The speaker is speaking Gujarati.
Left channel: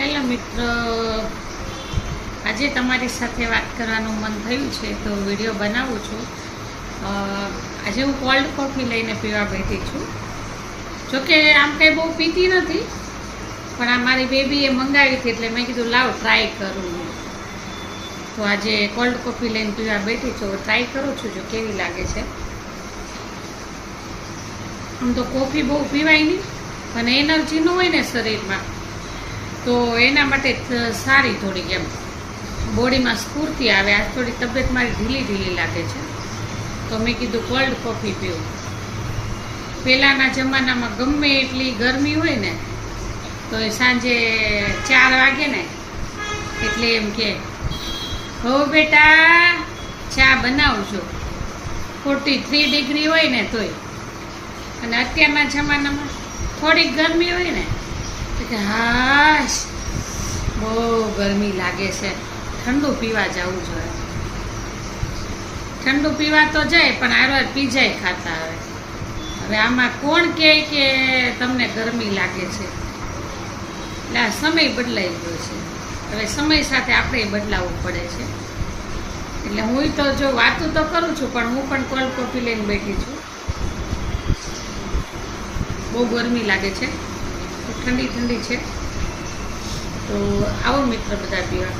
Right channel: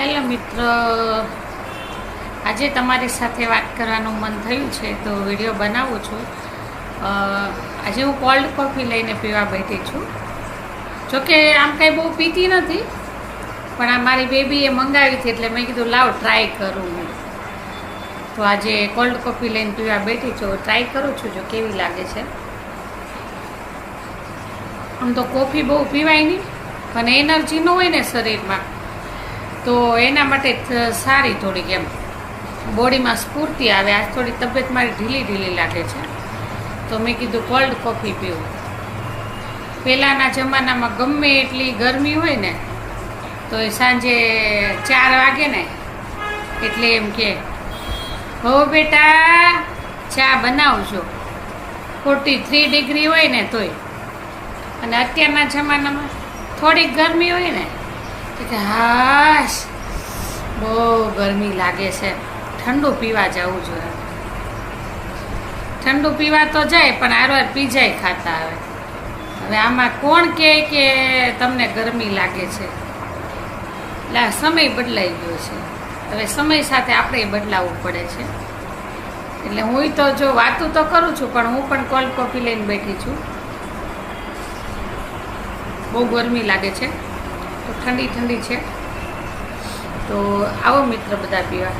હેલો મિત્રો, આજે તમારી સાથે વાત કરવાનું મન થયું છે તો વિડીયો બનાવું છું. આજે હું કોલ્ડ કોફી લઈને પીવા બેઠી છું. જોકે આમ કંઈ બહુ પીતી નથી, પણ આ મારી બેબીએ મંગાવી હતી એટલે મેં કીધું લાવ ટ્રાય કરું. તો આજે કોલ્ડ કોફી લઈને પીવા બેઠી છું. ટ્રાય કરું છું જો કેવી લાગે છે. આમ તો કોફી બહુ પીવાય નહીં, પણ એનર્જી ન હોય ને શરીરમાં તો એના માટે સારી થોડીક એમ બોડીમાં સ્ફૂર્તિ આવે. આજ થોડી તબિયત મારી ઢીલી લાગે છે તો મેં કીધું કોલ્ડ કોફી પીવું. પહેલાંના જમાનામાં ગમે એટલી ગરમી હોય ને તો સાંજે 4 વાગે ને એટલે એમ કે હો બેટા ચા બનાવજો, 43 ડિગ્રી હોય ને તોય. અને અત્યારના જમાનામાં થોડીક ગરમી હોય ને કે હાશ બહુ ગરમી લાગે છે, ઠંડુ પીવા જવું જોઈએ. ઠંડુ પીવા તો જાય પણ આરવાર પીજાય ખાતા આવે. હવે આમાં કોણ કહે કે તમને ગરમી લાગે છે? એટલે આ સમય બદલાઈ ગયો છે. હવે સમય સાથે આપણે બદલાવવું પડે છે. એટલે હું તો જો વાતું તો કરું છું પણ હું પણ કોલ્ડ કોફી લઈને બેઠી છું. બહુ ગરમી લાગે છે તો ઠંડી છે. તો આવો મિત્ર બધા પીવા.